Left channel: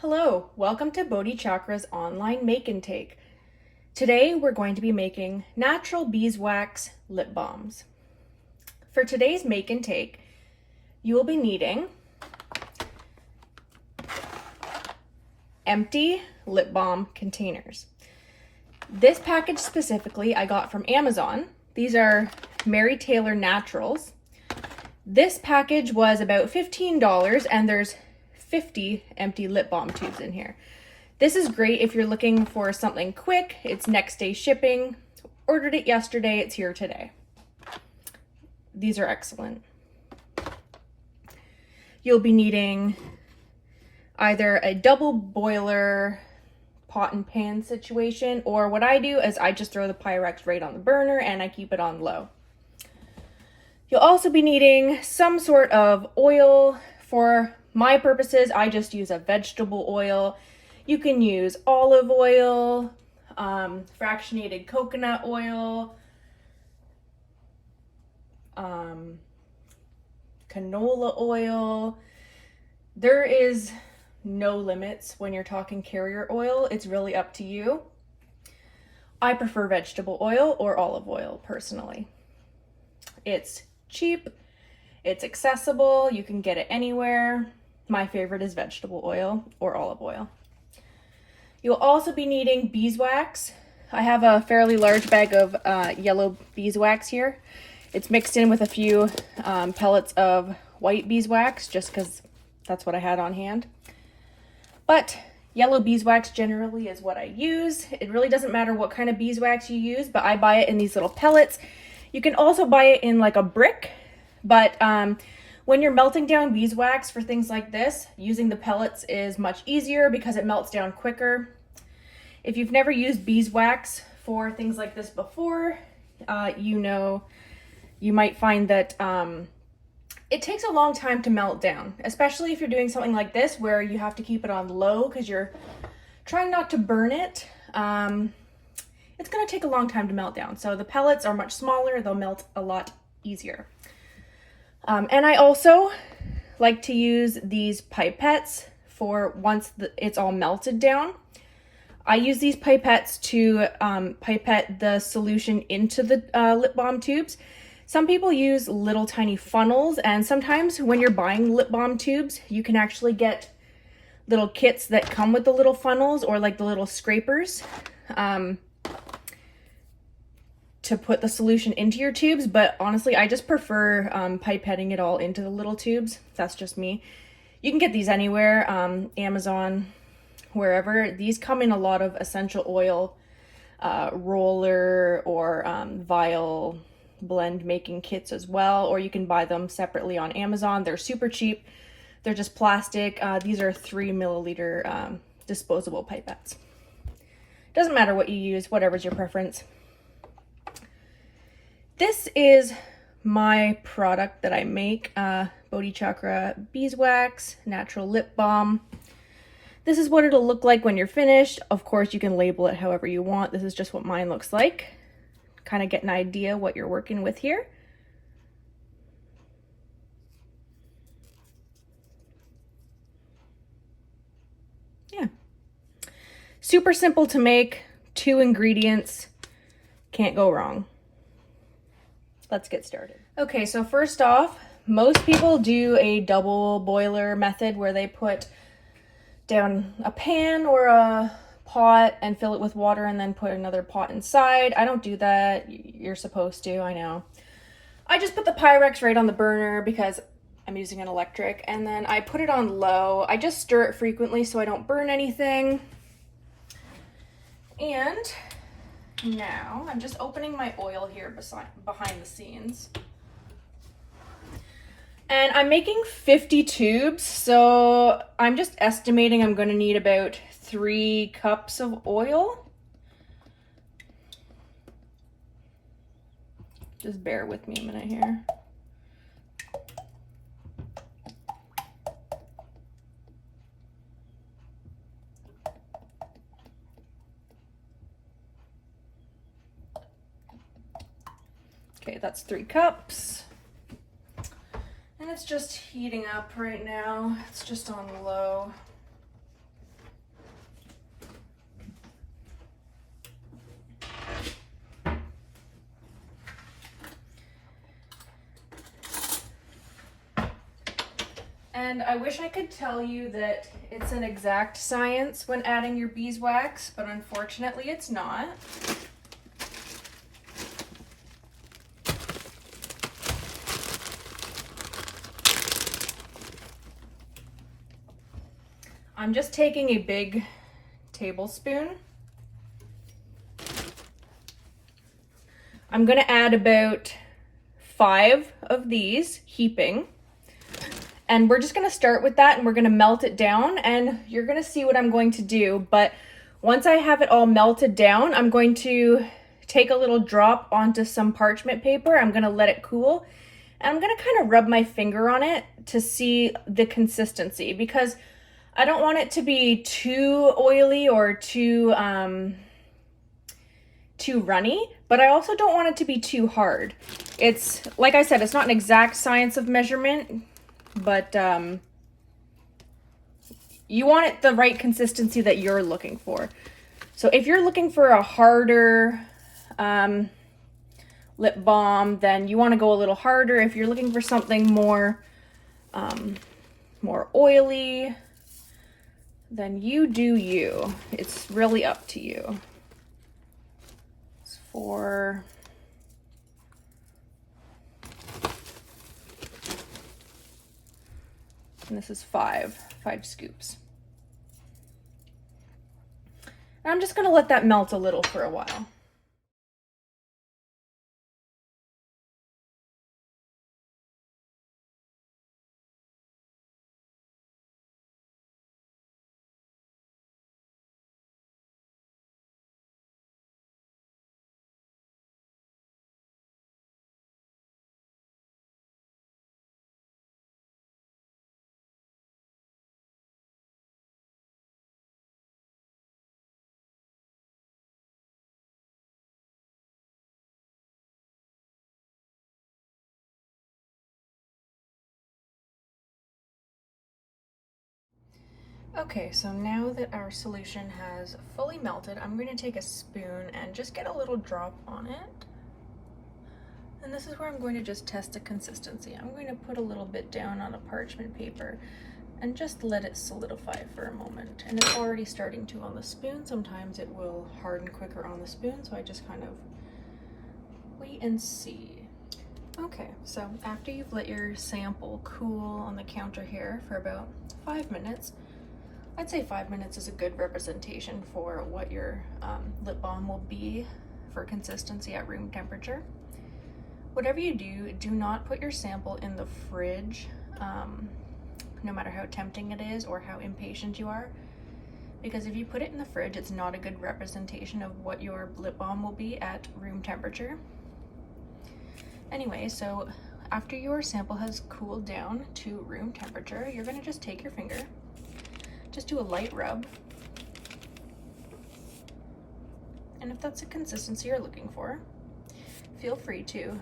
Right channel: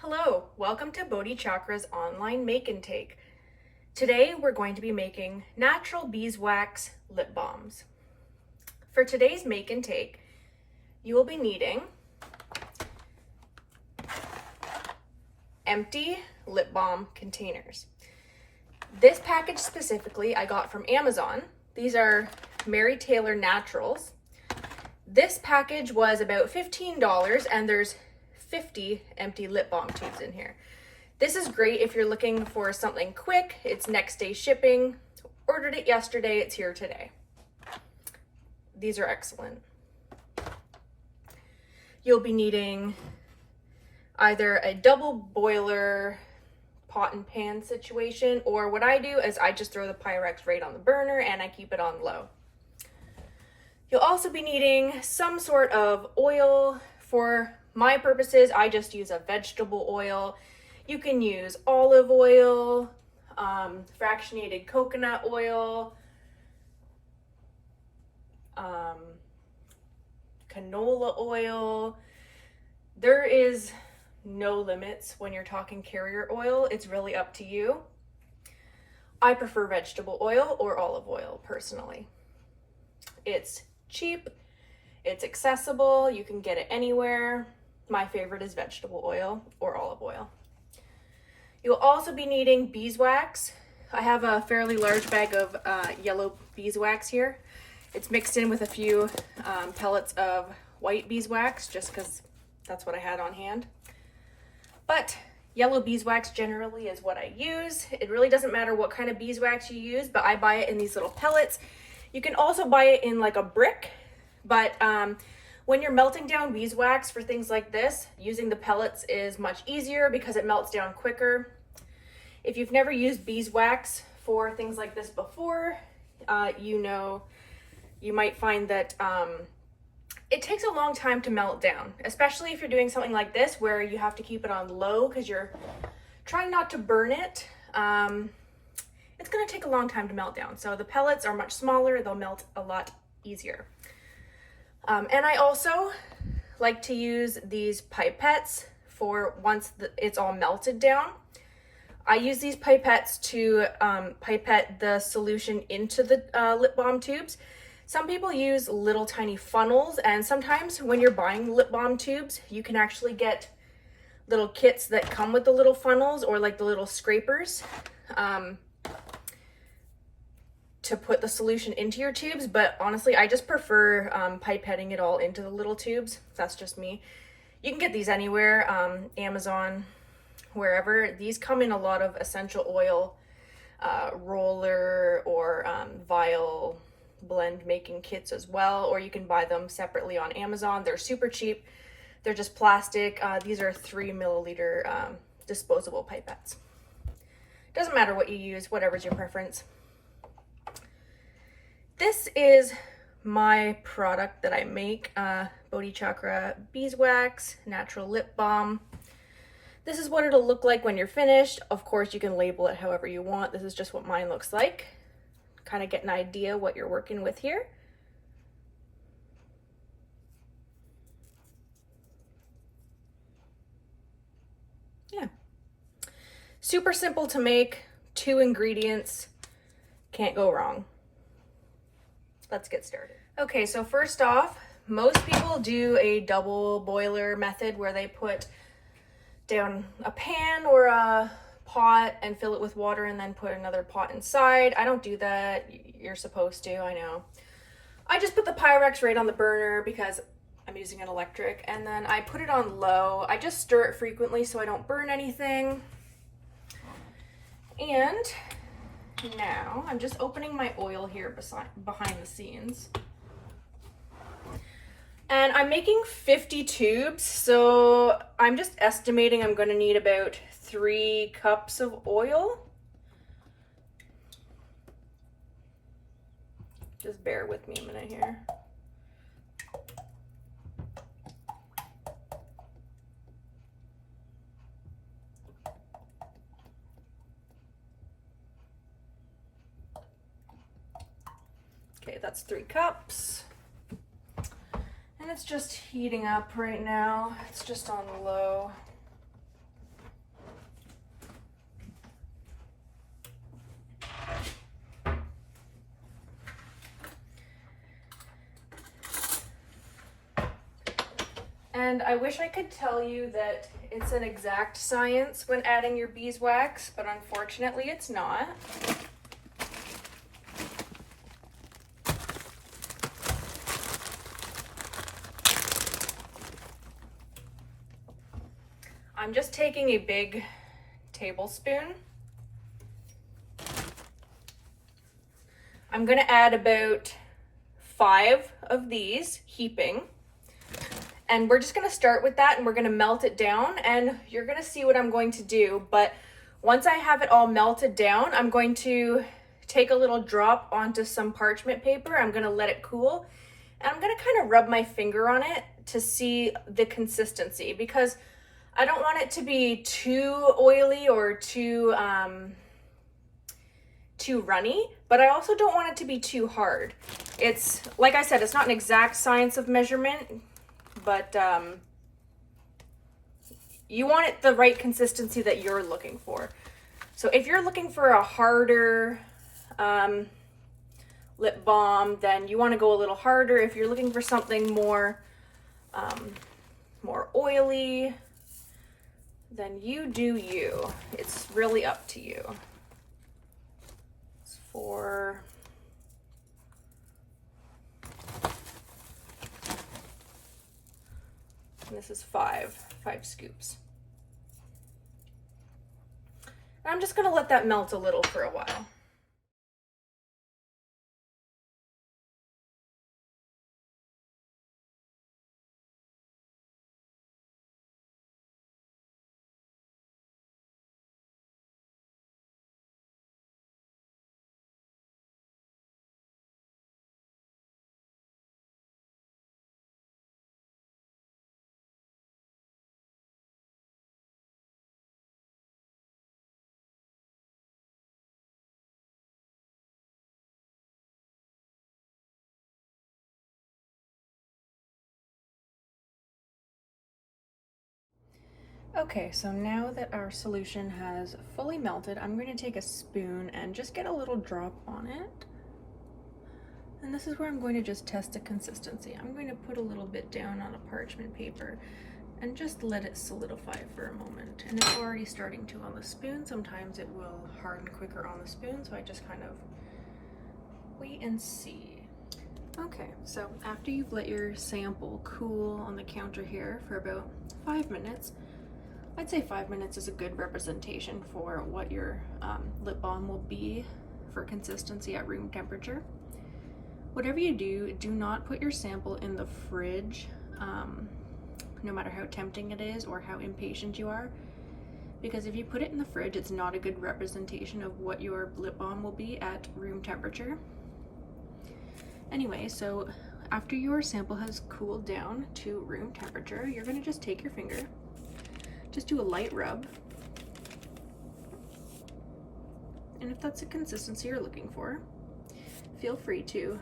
Hello, welcome to Bodhi Chakra's online make and take. Today we're going to be making natural beeswax lip balms. For today's make and take, you will be needing empty lip balm containers. This package specifically I got from Amazon. These are Mary Taylor Naturals. This package was about $15 and there's 50 empty lip balm tubes in here. This is great if you're looking for something quick. It's next day shipping. Ordered it yesterday, it's here today. These are excellent. You'll be needing either a double boiler pot and pan situation, or what I do is I just throw the Pyrex right on the burner and I keep it on low. You'll also be needing some sort of oil. For my purposes, I just use a vegetable oil. You can use olive oil, fractionated coconut oil, canola oil. There is no limits when you're talking carrier oil. It's really up to you. I prefer vegetable oil or olive oil personally. It's cheap, it's accessible, you can get it anywhere. My favorite is vegetable oil or olive oil. You'll also be needing beeswax. I have a fairly large bag of yellow beeswax here. It's mixed in with a few pellets of white beeswax just because that's what I had on hand. But yellow beeswax generally is what I use. It really doesn't matter what kind of beeswax you use, but I buy it in these little pellets. You can also buy it in like a brick, but when you're melting down beeswax for things like this, using the pellets is much easier because it melts down quicker. If you've never used beeswax for things like this before, you might find that it takes a long time to melt down, especially if you're doing something like this where you have to keep it on low because you're trying not to burn it. It's going to take a long time to melt down. So the pellets are much smaller, they'll melt a lot easier. And I also like to use these pipettes for once it's all melted down. I use these pipettes to pipette the solution into the lip balm tubes. Some people use little tiny funnels, and sometimes when you're buying lip balm tubes, you can actually get little kits that come with the little funnels or like the little scrapers to put the solution into your tubes. But honestly, I just prefer pipetting it all into the little tubes. That's just me. You can get these anywhere, Amazon, wherever. These come in a lot of essential oil roller or vial blend making kits as well, or you can buy them separately on Amazon. They're super cheap. They're just plastic. These are 3 milliliter disposable pipettes. Doesn't matter what you use, whatever's your preference. This is my product that I make, Bodhi Chakra Beeswax Natural Lip Balm. This is what it'll look like when you're finished. Of course, you can label it however you want. This is just what mine looks like. Kind of get an idea what you're working with here. Yeah. Super simple to make, 2 ingredients, can't go wrong. Let's get started. Okay, so first off, most people do a double boiler method where they put down a pan or a pot and fill it with water and then put another pot inside. I don't do that. You're supposed to, I know. I just put the Pyrex right on the burner because I'm using an electric, and then I put it on low. I just stir it frequently so I don't burn anything. And now I'm just opening my oil here behind the scenes. And I'm making 50 tubes, so I'm just estimating I'm going to need about 3 cups of oil. Just bear with me a minute here. Okay, that's 3 cups. And it's just heating up right now. It's just on low. And I wish I could tell you that it's an exact science when adding your beeswax, but unfortunately it's not. I'm just taking a big tablespoon. I'm gonna add about 5 of these, heaping. And we're just gonna start with that and we're gonna melt it down, and you're gonna see what I'm going to do. But once I have it all melted down, I'm going to take a little drop onto some parchment paper. I'm gonna let it cool. And I'm gonna kind of rub my finger on it to see the consistency, because I don't want it to be too oily or too runny, but I also don't want it to be too hard. It's, like I said, it's not an exact science of measurement, but you want it the right consistency that you're looking for. So if you're looking for a harder lip balm, then you want to go a little harder. If you're looking for something more more oily, then you do you. It's really up to you. It's for and this is five scoops. And I'm just gonna let that melt a little for a while. Okay, so now that our solution has fully melted, I'm going to take a spoon and just get a little drop on it. And this is where I'm going to just test the consistency. I'm going to put a little bit down on a parchment paper and just let it solidify for a moment. And it's already starting to on the spoon. Sometimes it will harden quicker on the spoon, so I just kind of wait and see. Okay, so after you've let your sample cool on the counter here for about 5 minutes, I'd say 5 minutes is a good representation for what your lip balm will be for consistency at room temperature. Whatever you do, do not put your sample in the fridge, no matter how tempting it is or how impatient you are, because if you put it in the fridge, it's not a good representation of what your lip balm will be at room temperature. Anyway, so after your sample has cooled down to room temperature, you're going to just take your finger, just do a light rub, and if that's the consistency you're looking for, feel free to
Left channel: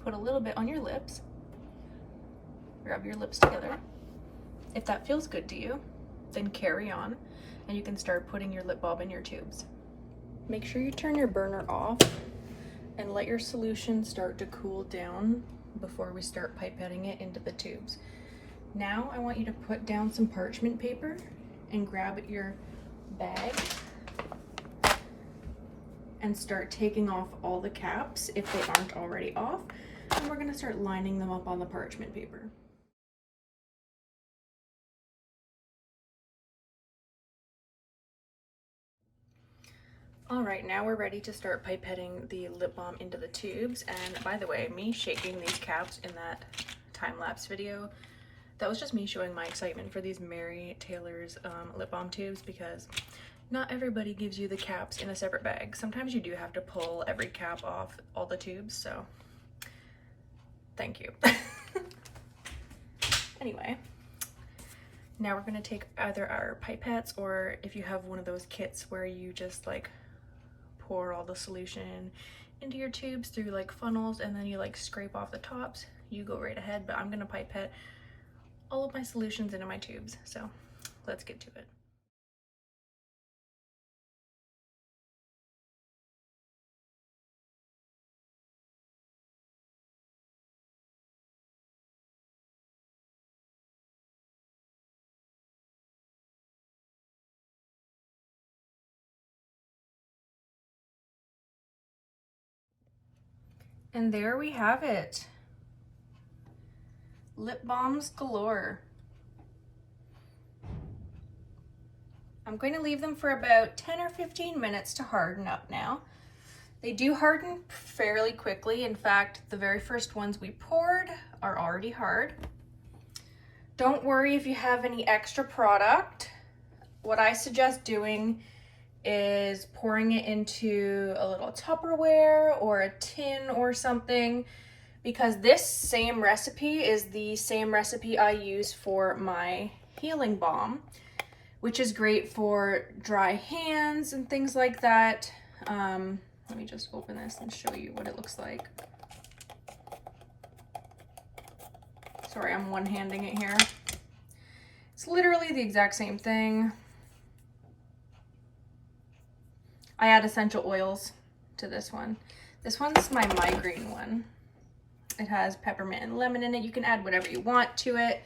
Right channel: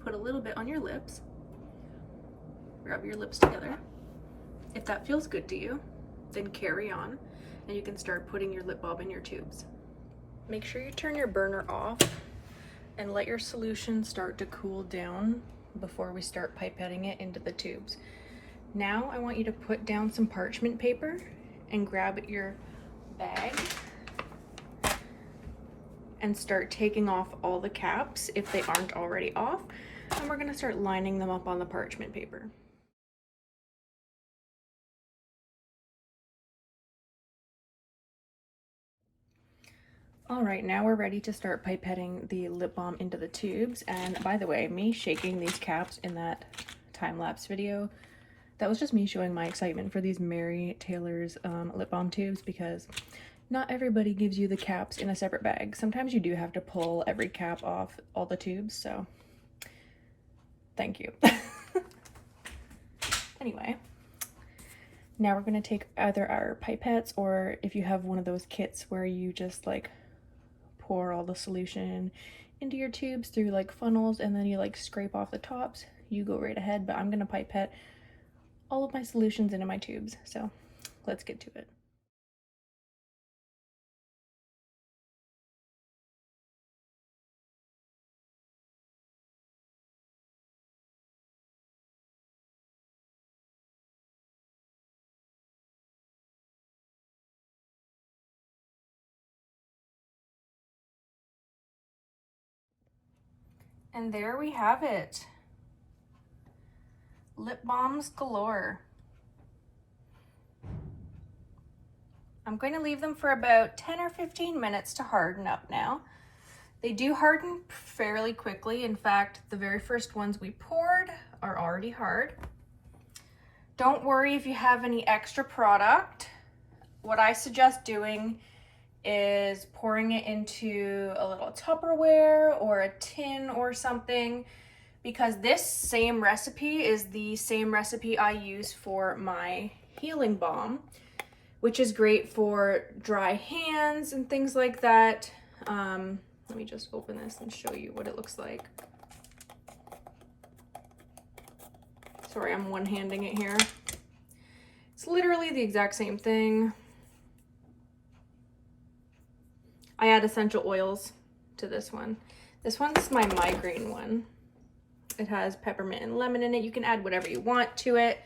put a little bit on your lips, rub your lips together. If that feels good to you, then carry on, and you can start putting your lip balm in your tubes. Make sure you turn your burner off and let your solution start to cool down before we start pipetting it into the tubes. Now I want you to put down some parchment paper and grab your bag and start taking off all the caps if they aren't already off, and we're going to start lining them up on the parchment paper. All right, now we're ready to start pipetting the lip balm into the tubes. And by the way, me shaking these caps in that time-lapse video, that was just me showing my excitement for these Mary Taylor's lip balm tubes, because not everybody gives you the caps in a separate bag. Sometimes you do have to pull every cap off all the tubes, so thank you. Anyway, now we're gonna take either our pipettes, or if you have one of those kits where you just like pour all the solution into your tubes through like funnels and then you like scrape off the tops, you go right ahead, but I'm gonna pipette all of my solutions into my tubes, so let's get to it. And there we have it. Lip balms galore. I'm going to leave them for about 10 or 15 minutes to harden up now. They do harden fairly quickly. In fact, the very first ones we poured are already hard. Don't worry if you have any extra product. What I suggest doing is pouring it into a little Tupperware or a tin or something, because this same recipe is the same recipe I use for my healing balm, which is great for dry hands and things like that. Let me just open this and show you what it looks like. Sorry, I'm one-handing it here. It's literally the exact same thing. I add essential oils to this one. This one's my migraine one. It has peppermint and lemon in it. You can add whatever you want to it.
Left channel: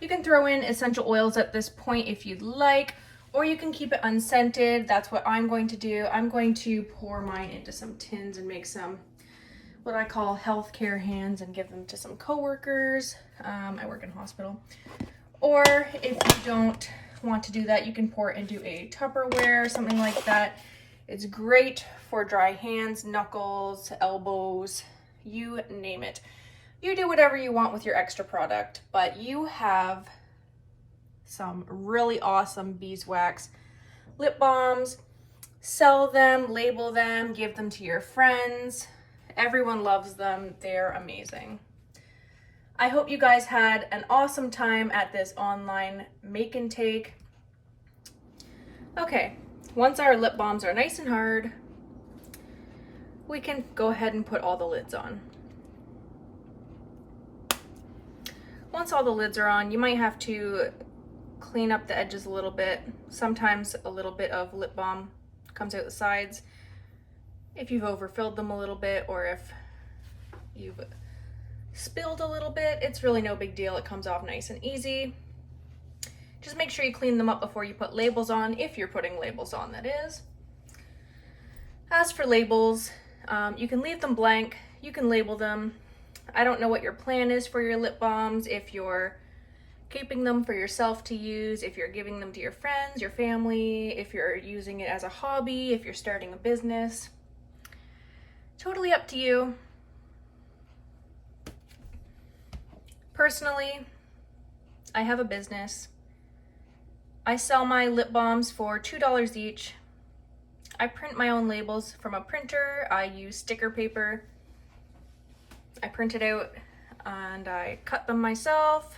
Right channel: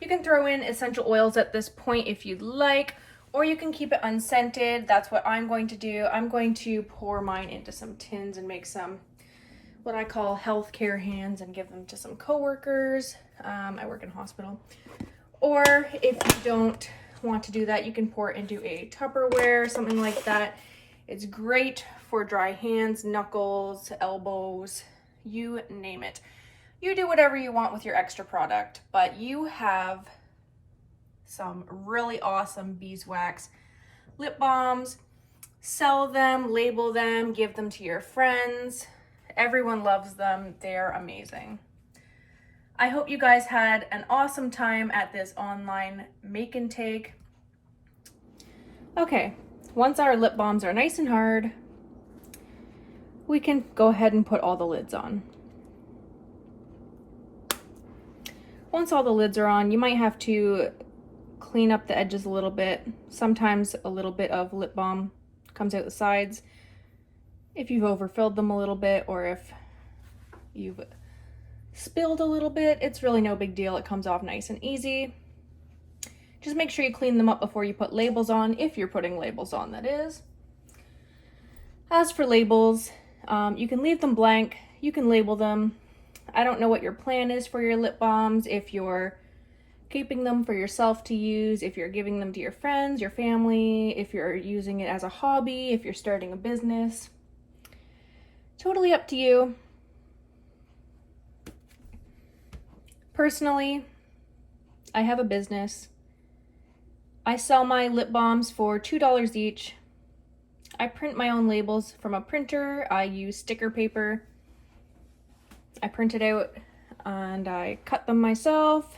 You can throw in essential oils at this point if you'd like, or you can keep it unscented. That's what I'm going to do. I'm going to pour mine into some tins and make some what I call healthcare hands and give them to some coworkers. I work in a hospital. Or if you don't want to do that, you can pour it into a Tupperware, something like that. It's great for dry hands, knuckles, elbows, you name it. You do whatever you want with your extra product, but you have some really awesome beeswax lip balms. Sell them, label them, give them to your friends. Everyone loves them. They're amazing. I hope you guys had an awesome time at this online make and take. Okay, once our lip balms are nice and hard, we can go ahead and put all the lids on. Once all the lids are on, you might have to clean up the edges a little bit. Sometimes a little bit of lip balm comes out the sides if you've overfilled them a little bit, or if you've spilled a little bit. It's really no big deal. It comes off nice and easy. Just make sure you clean them up before you put labels on, if you're putting labels on, that is. As for labels, you can leave them blank, you can label them. I don't know what your plan is for your lip balms, if you're keeping them for yourself to use, if you're giving them to your friends, your family, if you're using it as a hobby, if you're starting a business. Totally up to you. Personally, I have a business. I sell my lip balms for $2 each. I print my own labels from a printer. I use sticker paper. I print it out and I cut them myself.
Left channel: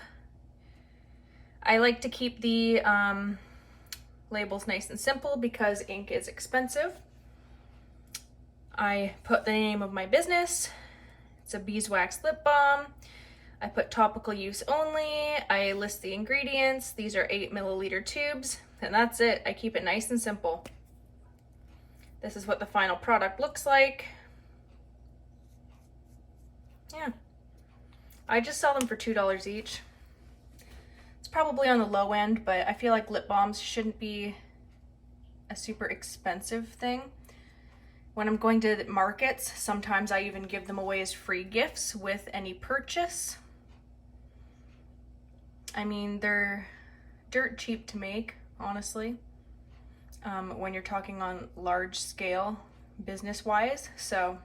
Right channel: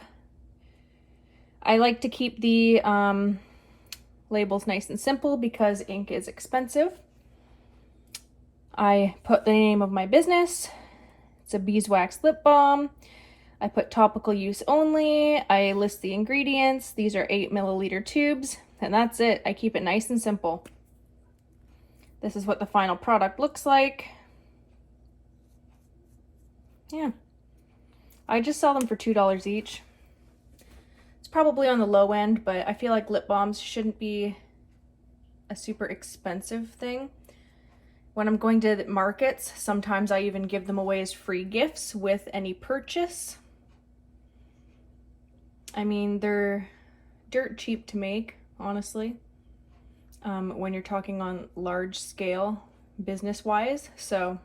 I like to keep the labels nice and simple because ink is expensive. I put the name of my business. It's a beeswax lip balm. I put topical use only. I list the ingredients. These are 8 milliliter tubes, and that's it. I keep it nice and simple. This is what the final product looks like. Yeah. I just sell them for $2 each. It's probably on the low end, but I feel like lip balms shouldn't be a super expensive thing. When I'm going to markets, sometimes I even give them away as free gifts with any purchase. I mean, they're dirt cheap to make, honestly, when you're talking on large scale business-wise. So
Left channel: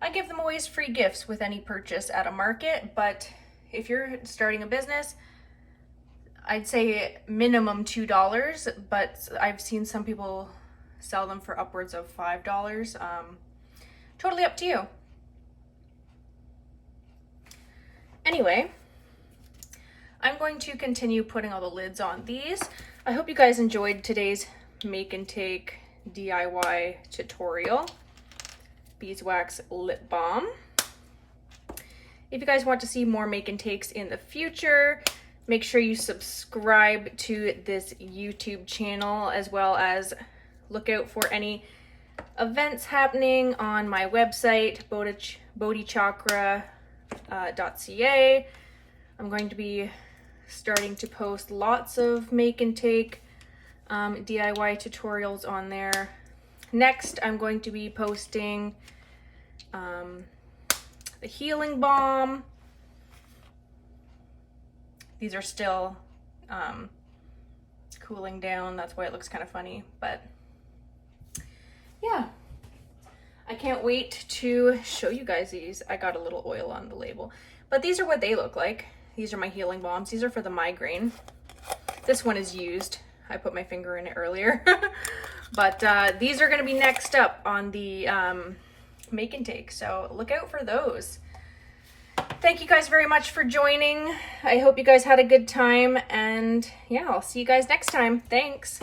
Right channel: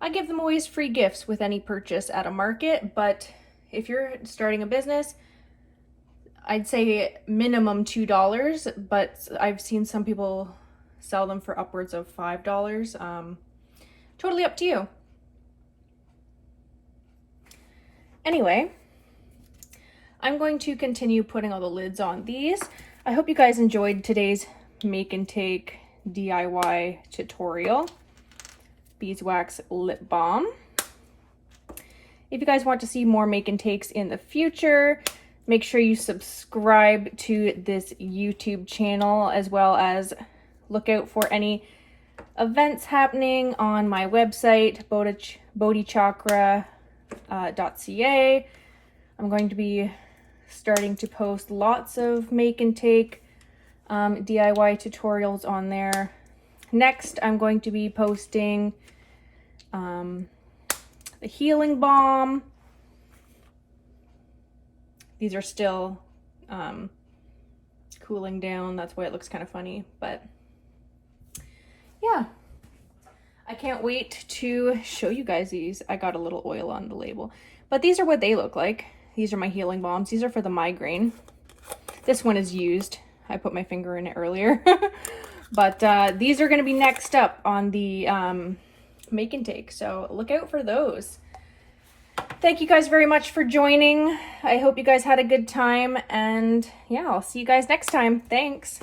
I give them away as free gifts with any purchase at a market, but if you're starting a business, I'd say minimum $2, but I've seen some people sell them for upwards of $5. Totally up to you. Anyway, I'm going to continue putting all the lids on these. I hope you guys enjoyed today's make and take DIY tutorial. Beeswax lip balm. If you guys want to see more make and takes in the future, make sure you subscribe to this YouTube channel, as well as look out for any events happening on my website, bodhichakra.ca. I'm going to be starting to post lots of make and take DIY tutorials on there. Next, I'm going to be posting the healing balm. These are still cooling down. That's why it looks kind of funny, but yeah. I can't wait to show you guys these. I got a little oil on the label, but these are what they look like. These are my healing balms. These are for the migraine. This one is used. I put my finger in it earlier. But these are going to be next up on the make and take, so look out for those. Thank you guys very much for joining. I hope you guys had a good time, and yeah, I'll see you guys next time. Thanks.